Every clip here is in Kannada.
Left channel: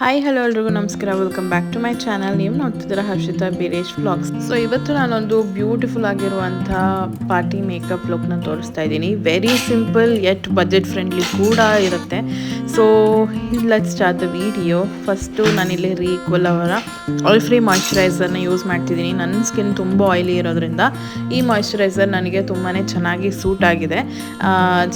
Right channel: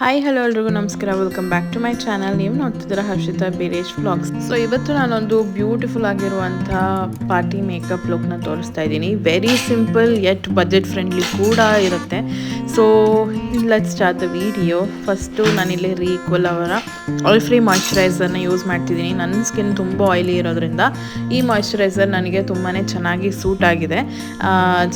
ಹಾಯ್ ಹಲೋ ಎಲ್ರಿಗೂ ನಮಸ್ಕಾರ, welcome back to my channel. ನೀವು ನೋಡ್ತಿದ್ದೀರಾ ಹರ್ಷಿತಾ ಬೀರೇಶ್ ವ್ಲಾಗ್ಸ್. ಸೊ ಇವತ್ತು ನಾನೊಂದು ಬ್ಯೂಟಿಫುಲ್ ಆಗಿರುವಂಥ ಪಾರ್ಟಿ ಮೇಕಪ್ ಲುಕ್ನ ತೋರಿಸ್ತಾ ಇದ್ದೀನಿ. Very simple yet budget friendly ಕೂಡ ಇರುತ್ತೆ. So let's start the video. First ನಾನಿಲ್ಲಿ ರೀಕ್ವಲ್ ಅವರ ಆಯಿಲ್ ಫ್ರೀ ಮಾಯ್ಶ್ಚರೈಸರ್ನ ಯೂಸ್ ಮಾಡ್ತಿದ್ದೀನಿ. ನನ್ನ ಸ್ಕಿನ್ ತುಂಬ ಆಯಿಲಿ ಇರೋದ್ರಿಂದ ಈ ಮಾಯ್ಶ್ಚರೈಸರ್ ನನಗೆ ತುಂಬಾ ಚೆನ್ನಾಗಿ ಸೂಟ್ ಆಗಿದೆ.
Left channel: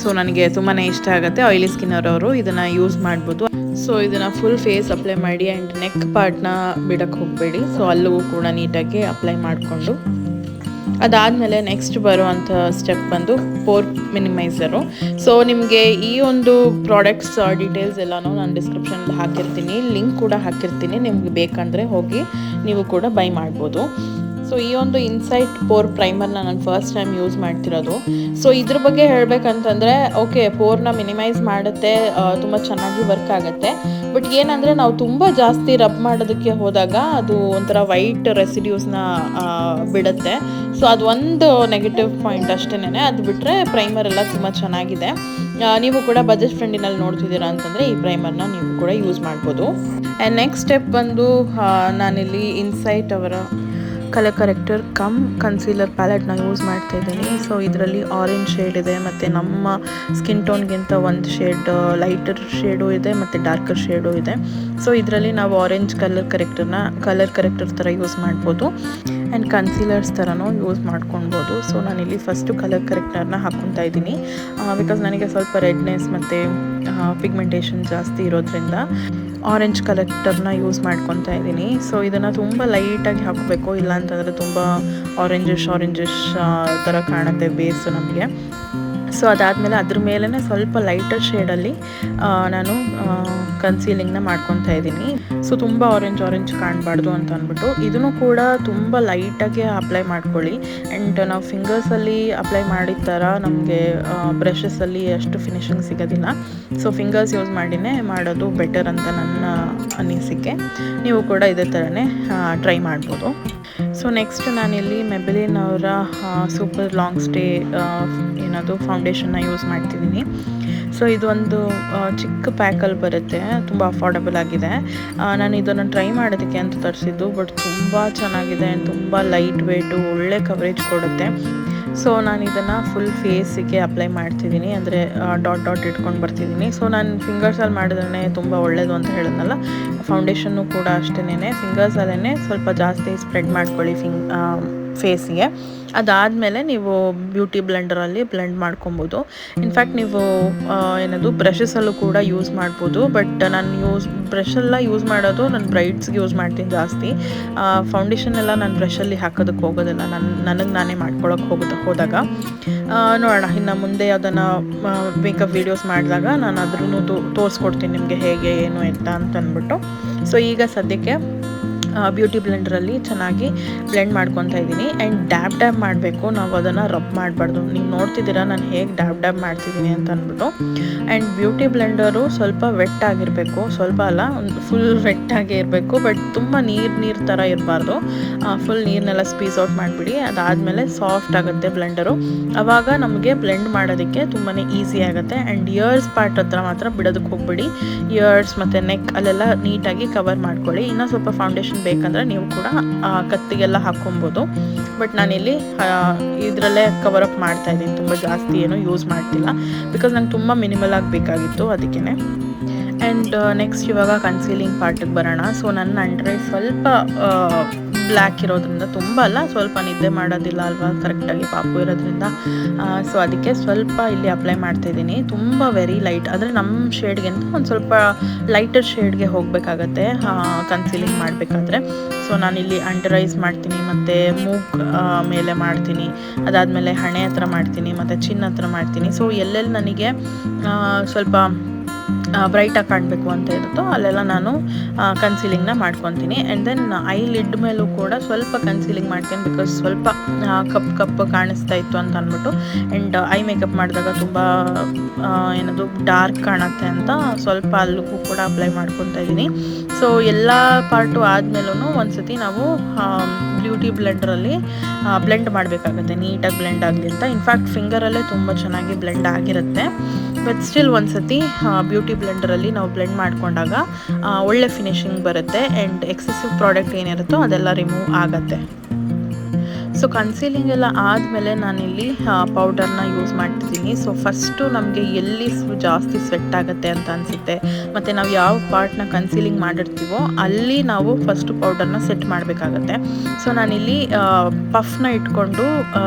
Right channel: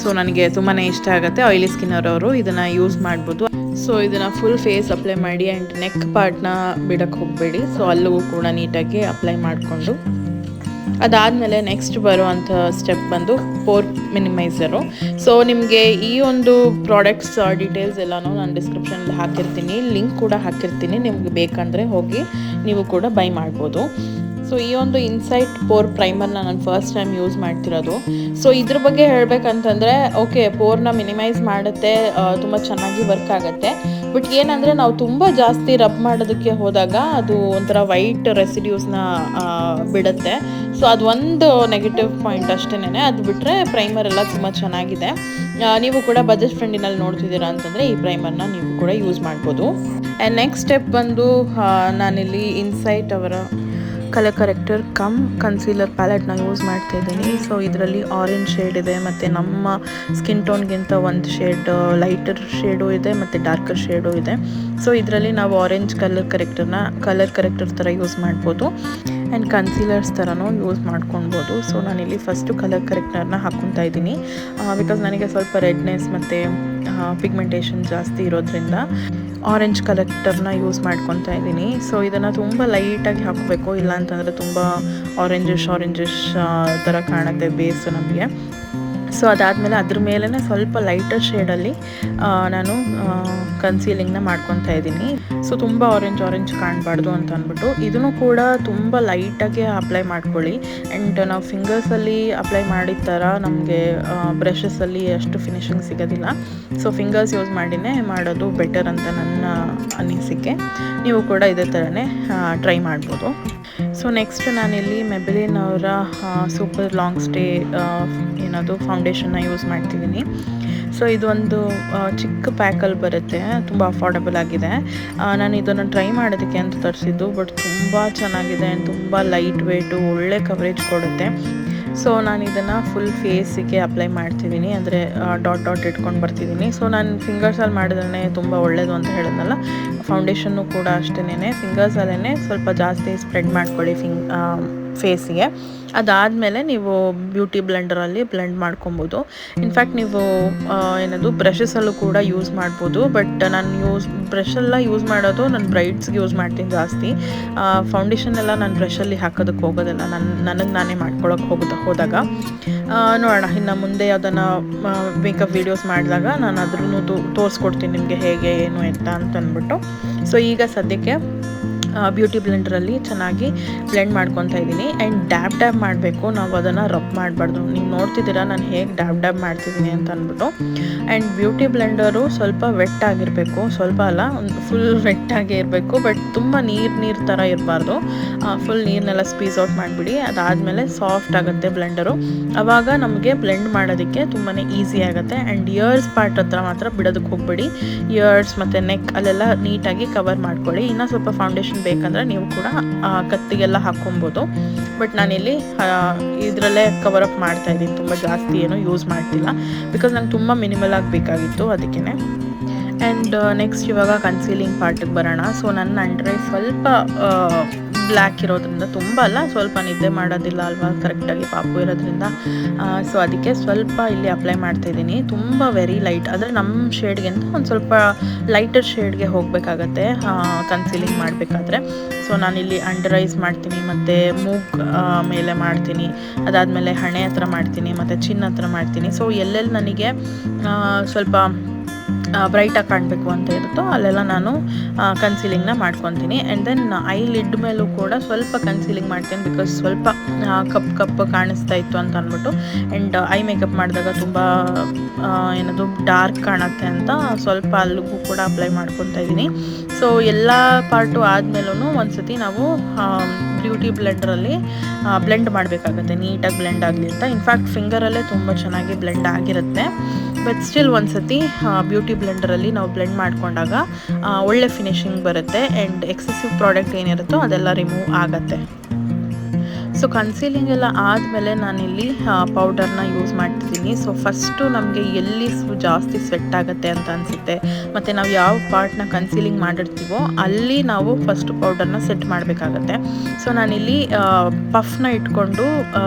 ಸೊ ನನಗೆ ತುಂಬಾ ಇಷ್ಟ ಆಗುತ್ತೆ. ಆಯಿಲಿ ಸ್ಕಿನ್ ಅವರವರು ಇದನ್ನು ಯೂಸ್ ಮಾಡ್ಬೋದು. ಸೊ ಇದನ್ನು ಫುಲ್ ಫೇಸ್ ಅಪ್ಲೈ ಮಾಡಿ ಆ್ಯಂಡ್ ನೆಕ್ ಪಾರ್ಟ್ನ ಬಿಡೋಕ್ಕೆ ಹೋಗಬೇಡಿ. ಸೊ ಅಲ್ಲೂ ಕೂಡ ನೀಟಾಗಿ ಅಪ್ಲೈ ಮಾಡಿಕೊಂಡು ಅದಾದಮೇಲೆ ನೆಕ್ಸ್ಟ್ ಬರುವಂಥ ಸ್ಟೆಪ್ ಬಂದು ಪೋರ್ ಮಿನಿಮೈಸರು. ಸೊ ನಿಮಗೆ ಈ ಒಂದು ಪ್ರಾಡಕ್ಟ್ಸ್ ಡೀಟೇಲ್ಸ್ ಎಲ್ಲನೂ ನಾನು ಡಿಸ್ಕ್ರಿಪ್ಷನಲ್ಲಿ ಹಾಕಿರ್ತೀನಿ, ಲಿಂಕ್ ಕೂಡ ಹಾಕಿರ್ತೀನಿ. ನಿಮ್ಗೆ ಬೇಕಂದರೆ ಹೋಗಿ ನೀವು ಕೂಡ ಬೈ ಮಾಡ್ಬೋದು. ಸೊ ಈ ಒಂದು ಇನ್ಸೈಟ್ ಪೋರ್ ಪ್ರೈಮರ್ನ ನಾನು ಫಸ್ಟ್ ಟೈಮ್ ಯೂಸ್ ಮಾಡ್ತಿರೋದು. ಸೊ ಇದ್ರ ಬಗ್ಗೆ ಹೇಳಬೇಕಂತಂದರೆ ಓಕೆ, ಪೋರ್ನ ಮಿನಿಮೈಸ್ ಮಾಡುತ್ತೆ, ತುಂಬ ಚೆನ್ನಾಗಿ ವರ್ಕ್ ಆಗುತ್ತೆ. ಬಟ್ ಏನಂದರೆ ನಾವು ತುಂಬ ಜಾಸ್ತಿ ರಬ್ ಮಾಡೋದಕ್ಕೆ ಹೋದಾಗ ಅದು ಒಂಥರ ವೈಟ್ ರೆಸಿಡ್ಯೂಸ್ನ ಬಿಡುತ್ತೆ. ಸೊ ಅದು ಒಂದು ನೆಗೆಟಿವ್ ಪಾಯಿಂಟ್ ಅಷ್ಟೇ. ಅದು ಬಿಟ್ಟರೆ ಪ್ರೈಮರ್ ಎಲ್ಲ ತುಂಬ ಚೆನ್ನಾಗಿದೆ. ನೀವು ಕೂಡ ಬಜೆಟ್ ಫ್ರೆಂಡಿನಲ್ಲಿ ನೋಡ್ತಿದ್ದೀರಾ ಅಂತಂದರೆ ಈ ಪ್ರೈಮರ್ನ ನೀವು ಕೂಡ ಯೂಸ್ ಮಾಡ್ಬೋದು. ಆ್ಯಂಡ್ ನೆಕ್ಸ್ಟ್ ಸ್ಟೆಪ್ ಬಂದು ನಾನಿಲ್ಲಿ ಇನ್ಸೈಟ್ ಅವರ ಕಲರ್ ಕರೆಕ್ಟರ್ ಕಮ್ ಕನ್ಸೀಲರ್ ಪ್ಯಾಲೆಟ್ನ ಯೂಸ್ ಮಾಡ್ತಾಯಿದ್ದೀನಿ. ಸೊ ಇದರಲ್ಲಿ ಆರೆಂಜ್ ಶೇಡ್ ಇದೆ, ಮತ್ತು ನಮ್ಮ ಸ್ಕಿನ್ ಟೋನ್ಗಿಂತ ಒಂದು ಶೇಡ್ ಲೈಟರ್ ಶೇಡು ಇದೆ ಮತ್ತು ಡಾರ್ಕರ್ ಶೇಡು ಇದೆ. ಸೊ ಇದರಲ್ಲಿ ನಾವು ಆರೆಂಜ್ ಕಲರ್ ಕರೆಕ್ಟರ್ ಥರ ಯೂಸ್ ಮಾಡ್ಬೋದು ಆ್ಯಂಡ್ ಕನ್ಸೀಲರ್ಸ್ ಥರನೂ ಯೂಸ್ ಮಾಡ್ಕೊಳ್ಬೋದು. ಸೊ ನಾನಿಲ್ಲಿ ಫಸ್ಟು ಕಲರ್ ಕರೆಕ್ಟರ್ನ ಹಾಕ್ಕೊತಾ ಇದ್ದೀನಿ, ಬಿಕಾಸ್ ನನಗೆ ಸ್ವಲ್ಪ ರೆಡ್ನೆಸ್ ಮತ್ತು ಪಿಗ್ಮೆಂಟೇಷನ್ ಜಾಸ್ತಿ ಇರೋದ್ರಿಂದ ಆರೆಂಜ್ ಕಲೆಕ್ಟರ್ನ ಯೂಸ್ ಮಾಡ್ಕೊತಾ ಇದ್ದೀನಿ. ಸೊ ಇದನ್ನು ತುಂಬ ಲೈಟಾಗಿ ಹಾಕಬೇಕು, ಇಲ್ಲಾಂತಂದರೆ ತುಂಬ ಆರೆಂಜಿಶ್ ಥರ ಕಾಣುತ್ತೆ ಬೇಸು ನಮಗೆ. ಸೊ ಅದಾದಮೇಲೆ ಅದ್ರ ಮೇಲೇ ಸ್ವಲ್ಪ ಲೈಟರ್ ಶೇಡಲ್ಲಿ ನಾನು ಕನ್ಸೀಲಿಂಗ್ನ ಮಾಡ್ಕೊತಾ ಇದ್ದೀನಿ. ಸೊ ತುಂಬ ಆರೆಂಜ್ ಕಾಣಬಾರ್ದು ಅಂತ ಅಂದ್ಬಿಟ್ಟು ಇದನ್ನು ಕೂಡ ತುಂಬ ಲೈಟಾಗಿ ಅಪ್ಲೈ ಮಾಡ್ಕೊಳ್ಳಿ. ಆ್ಯಂಡ್ ನಾವು ಫಿಂಗರ್ಸಲ್ಲಿ ಅಪ್ಲೈ ಮಾಡಿದ ಥರ ನಮಗೆ ಬ್ರಷಸಲ್ಲಿ ಅಷ್ಟು ಫಿನಿಶಿಂಗ್ ಸಿಗೋದಿಲ್ಲ. ಸೊ ಫಿಂಗರ್ಸ್ ಯೂಸ್ ಮಾಡಿನೇ ಮಾಡೋದು ಬೆಟರ್ ಅಂತ ನನ್ನ ಅನಿಸಿಕೆ. ನೀವು ಕೂಡ ಇದೇ ಥರನೇ ಟ್ರೈ ಮಾಡ್ಬೋದು. ಸೊ ನೆಕ್ಸ್ಟ್ ನಾನಿಲ್ಲಿ ಮೆಬೆಲಿನ್ ಅವರ ಸೂಪರ್ ಲಾಂಗ್ ಸ್ಟೇ ಏನದು ಫೌಂಡೇಶನ್ನ ಯೂಸ್ ಮಾಡ್ತಿದ್ದೀನಿ. ಸೊ ಇದು ಒಂದು ಚಿಕ್ಕ ಪ್ಯಾಕಲ್ಲಿ ಬರುತ್ತೆ, ತುಂಬ ಅಫೋರ್ಡಬಲ್ ಆಗಿದೆ. ನಾನು ಇದನ್ನು ಟ್ರೈ ಮಾಡೋದಕ್ಕೆ ಅಂತ ತರಿಸಿದ್ದು, ಬಟ್ ತುಂಬ ಚೆನ್ನಾಗಿದೆ ಆ್ಯಂಡ್ ತುಂಬ ಲೈಟ್ ವೇಟು, ಒಳ್ಳೆ ಕವರೇಜ್ ಕೊಡುತ್ತೆ. ಸೊ ನಾನು ಇದನ್ನು ಫುಲ್ ಫೇಸಿಗೆ ಅಪ್ಲೈ ಮಾಡ್ತಿದ್ದೀನಿ, ಅಂದರೆ ಡಾಟ್ ಇಟ್ಕೊಂಡು ಬರ್ತಿದ್ದೀನಿ. ಸೊ ನಾನು ಫಿಂಗರ್ಸಲ್ಲಿ ಮಾಡಿದ್ರೆ ತುಂಬ ಒಳ್ಳೆಯದು ಅಂತ ಹೇಳಿದ್ನಲ್ಲ, ಫೌಂಡೇಶನ್ನು ಕೂಡ ಅಷ್ಟೇ ಫಿಂಗರ್ಸಲ್ಲೇ ಸ್ವಲ್ಪ ಜಾಸ್ತಿ ಸ್ಪ್ರೆಡ್ ಮಾಡ್ಕೊಳ್ಳಿ ಫೇಸಿಗೆ. ಅದಾದಮೇಲೆ ನೀವು ಬ್ಯೂಟಿ ಬ್ಲೆಂಡರಲ್ಲಿ ಬ್ಲೆಂಡ್ ಮಾಡ್ಕೊಬೋದು. ಇನ್ಫ್ಯಾಕ್ಟ್ ನೀವು ಬ್ರಷಸಲ್ಲೂ ಕೂಡ ಯೂಸ್ ಮಾಡ್ಬೋದು. ಬಟ್ ನಾನು ಬ್ರಷೆಲ್ಲ ಯೂಸ್ ಮಾಡೋದು ನಾನು ಬ್ರೈಡ್ಸ್ಗೆ ಯೂಸ್ ಮಾಡ್ತೀನಿ ಜಾಸ್ತಿ. ಫೌಂಡೇಶನ್ ಎಲ್ಲ ನಾನು ಬ್ರಷಲ್ಲಿ ಹಾಕೋದಕ್ಕೆ ಹೋಗೋದಿಲ್ಲ, ನನಗೆ ನಾನೇ ಮಾಡ್ಕೊಳಕ್ಕೆ ಹೋದಾಗ. ನೋಡೋಣ ಇನ್ನು ಮುಂದೆ ಅದನ್ನು ಮೇಕಪ್ ವೀಡಿಯೋಸ್ ಮಾಡಿದಾಗ ನಾನು ಅದ್ರೂ ತೋರಿಸ್ಕೊಡ್ತೀನಿ ನಿಮಗೆ ಹೇಗೆ ಏನು ಎತ್ತ ಅಂತ ಅಂದ್ಬಿಟ್ಟು. ಸೊ ಈಗ ಸದ್ಯಕ್ಕೆ ಬ್ಯೂಟಿ ಬ್ಲೆಂಡರಲ್ಲಿ ಚೆನ್ನಾಗಿ ಬ್ಲೆಂಡ್ ಮಾಡ್ಕೊತಾ ಇದ್ದೀನಿ. ಆ್ಯಂಡ್ ಡ್ಯಾಬ್ ಮಾಡಬೇಕು, ನಾವು ಅದನ್ನು ರಬ್ ಮಾಡಬಾರ್ದು. ನೀವು ನೋಡ್ತಿದ್ದೀರಾ ನಾನು ಹೇಗೆ ಡ್ಯಾಬ್ ಮಾಡ್ತಿದ್ದೀನಿ ಅಂತ ಅಂದ್ಬಿಟ್ಟು. ಆ್ಯಂಡ್ ಬ್ಯೂಟಿ ಬ್ಲೆಂಡರು ಸ್ವಲ್ಪ ವೆಟ್ ಆಗಿರಬೇಕು, ಸ್ವಲ್ಪ ಅಲ್ಲ ಫುಲ್ ವೆಟ್ಟಾಗೇ ಇರಬೇಕು. ಬಟ್ ತುಂಬ ನೀರು ಥರ ಇರಬಾರ್ದು. ಫುಲ್ ನೀರನ್ನೆಲ್ಲ ಸ್ಕ್ವೀಸ್ ಔಟ್ ಮಾಡಿಬಿಡಿ. ಅದಾದಮೇಲೆ ಸಾಫ್ಟ್ ಆಗುತ್ತೆ ಬ್ಲೆಂಡರು. ಆವಾಗ ನಮಗೆ ಬ್ಲೆಂಡ್ ಮಾಡೋದಕ್ಕೆ ತುಂಬಾ ಈಸಿ ಆಗುತ್ತೆ. ಆ್ಯಂಡ್ ಇಯರ್ಸ್ ಪಾರ್ಟ್ ಹತ್ರ ಮಾತ್ರ ಬಿಡೋದಕ್ಕೆ ಹೋಗಬೇಡಿ. ಇಯರ್ಸ್ ಮತ್ತು ನೆಕ್ ಅಲ್ಲೆಲ್ಲ ನೀಟಾಗಿ ಕವರ್ ಮಾಡ್ಕೊಳ್ಳಿ. ಇನ್ನೂ ಸ್ವಲ್ಪ ಫೌಂಡೇಶನ್ ಬೇಕಂದರೆ ನೀವು ಕೂಡ ಕತ್ತಿಗೆಲ್ಲ ಹಾಕ್ಕೊಬೋದು. ಬಟ್ ನಾನಿಲ್ಲಿ ಇದರಲ್ಲೇ ಕವರಪ್ ಮಾಡ್ತಾಯಿದ್ದೀನಿ, ತುಂಬ ಜಾಸ್ತಿ ಏನೂ ಯೂಸ್ ಮಾಡ್ತಿಲ್ಲ, ಬಿಕಾಸ್ ನಂಗೆ ತುಂಬ ಮಿನಿಮಲ್ ಆಗಬೇಕಾಗಿತ್ತು ಅದಕ್ಕೇ. ಆ್ಯಂಡ್ ನೆಕ್ಸ್ಟ್ ಇವಾಗ ಕನ್ಸೀಲಿಂಗ್ ಪಾರ್ಟಿಗೆ ಬರೋಣ. ಸೊ ನನ್ನ ಅಂಡರ್ ಐ ಸ್ವಲ್ಪ ಬ್ಲ್ಯಾಕ್ ಇರೋದ್ರಿಂದ, ತುಂಬ ಅಲ್ಲ, ಸ್ವಲ್ಪ ನಿದ್ದೆ ಮಾಡೋದಿಲ್ಲ ಅಲ್ವಾ ಕರೆಕ್ಟಾಗಿ ಪಾಪು ಇರೋದ್ರಿಂದ. ಸೊ ಅದಕ್ಕೆ ಸ್ವಲ್ಪ ಇಲ್ಲಿ ಅಪ್ಲೈ ಮಾಡ್ತಾಯಿದ್ದೀನಿ. ತುಂಬ ವೆರಿ ಲೈಟ್, ಅಂದರೆ ನಮ್ಮ ಶೇಡ್ಗಿಂತ ಒಂದು ಸ್ವಲ್ಪ ಲೈಟರ್ ಶೇಡ್ಗೆ ಹೋಗಬೇಕಾಗತ್ತೆ ಕನ್ಸೀಲಿಂಗ್ ಮಾಡಬೇಕಾದ್ರೆ. ಸೊ ನಾನಿಲ್ಲಿ ಅಂಡರ್ ಐಸ್ ಮಾಡ್ತೀನಿ, ಮತ್ತು ಮೂಗ್ ಮೇಲೆ ಮಾಡ್ತೀನಿ, ಅದಾದಮೇಲೆ ಹಣೆ ಹತ್ರ ಮಾಡ್ತೀನಿ, ಮತ್ತು ಚಿನ್ನ ಹತ್ರ ಮಾಡ್ತೀನಿ. ಸೊ ಎಲ್ಲೆಲ್ಲಿ ನನಗೆ ಸ್ವಲ್ಪ ಬ್ರೈಟಾಗಿ ಕಾಣಬೇಕು ಅಂತ ಇರುತ್ತೋ ಅಲ್ಲೆಲ್ಲ ನಾನು ಕನ್ಸೀಲಿಂಗ್ನ ಮಾಡ್ಕೊತೀನಿ. ಆ್ಯಂಡ್ ದೆನ್ ಐ ಲಿಡ್ ಮೇಲೂ ಕೂಡ ಸ್ವಲ್ಪ ಕನ್ಸೀಲಿಂಗ್ ಮಾಡ್ತೀನಿ, ಬಿಕಾಸ್ ಸ್ವಲ್ಪ ಕಪ್ಪು ಕಾಣಿಸ್ತಾ ಇತ್ತು ಅಂತ ಅಂದ್ಬಿಟ್ಟು. ಆ್ಯಂಡ್ ಐ ಮೇಕಪ್ ಮಾಡಿದಾಗ ತುಂಬ ಏನದು ಡಾರ್ಕ್ ಕಾಣುತ್ತೆ ಅಂತ ಸ್ವಲ್ಪ ಅಲ್ಲಿಗೂ ಕೂಡ ಅಪ್ಲೈ ಮಾಡ್ಕೊತಾ ಇದ್ದೀನಿ. ಸೊ ಎಲ್ಲ ಪಾರ್ಟು ಆದಮೇಲೂ ಒಂದ್ಸತಿ ನಾವು ಬ್ಯೂಟಿ ಬ್ಲೆಂಡರಲ್ಲಿ ಬ್ಲೆಂಡ್ ಮಾಡಬೇಕಾಗತ್ತೆ, ನೀಟಾಗಿ ಬ್ಲೆಂಡ್ ಆಗಲಿ ಅಂತ. ಇನ್ಫ್ಯಾಕ್ಟ್ ಫಿಂಗರಲ್ಲೇ ತುಂಬ ಚೆನ್ನಾಗಿ ಬ್ಲೆಂಡ್ ಆಗಿರುತ್ತೆ. ಬಟ್ ಸ್ಟಿಲ್ ಒಂದ್ಸತಿ ಬ್ಯೂಟಿ ಬ್ಲೆಂಡರಲ್ಲಿ ನಾವು ಬ್ಲೆಂಡ್ ಮಾಡಿಕೊಂಡಾಗ ಒಳ್ಳೆ ಫಿನಿಶಿಂಗ್ ಬರುತ್ತೆ ಆ್ಯಂಡ್ ಎಕ್ಸೆಸಿವ್ ಪ್ರಾಡಕ್ಟ್ ಏನಿರುತ್ತೋ ಅದೆಲ್ಲ ರಿಮೂವ್ ಆಗುತ್ತೆ. ಸೊ ಕನ್ಸೀಲಿಂಗ್ ಎಲ್ಲ ಆದಮೇಲೆ ನಾನಿಲ್ಲಿ ಪೌಡರ್ನ ಯೂಸ್ ಮಾಡ್ತಿದ್ದೀನಿ. ಸೊ ಫಸ್ಟು ನಮಗೆ ಎಲ್ಲಿ ಜಾಸ್ತಿ ಸ್ವೆಟ್ ಆಗುತ್ತೆ ಅಂತ ಅನಿಸುತ್ತೆ ಮತ್ತು ನಾವು ಯಾವ ಪಾರ್ಟ್ನ ಕನ್ಸೀಲಿಂಗ್ ಮಾಡಿರ್ತೀವೋ ಅಲ್ಲಿ ನಾವು ಫಸ್ಟು ಪೌಡರ್ನ ಸೆಟ್ ಮಾಡಬೇಕಾಗತ್ತೆ. ಸೊ ನಾನಿಲ್ಲಿ ಪಫ್ನ ಇಟ್ಕೊಂಡು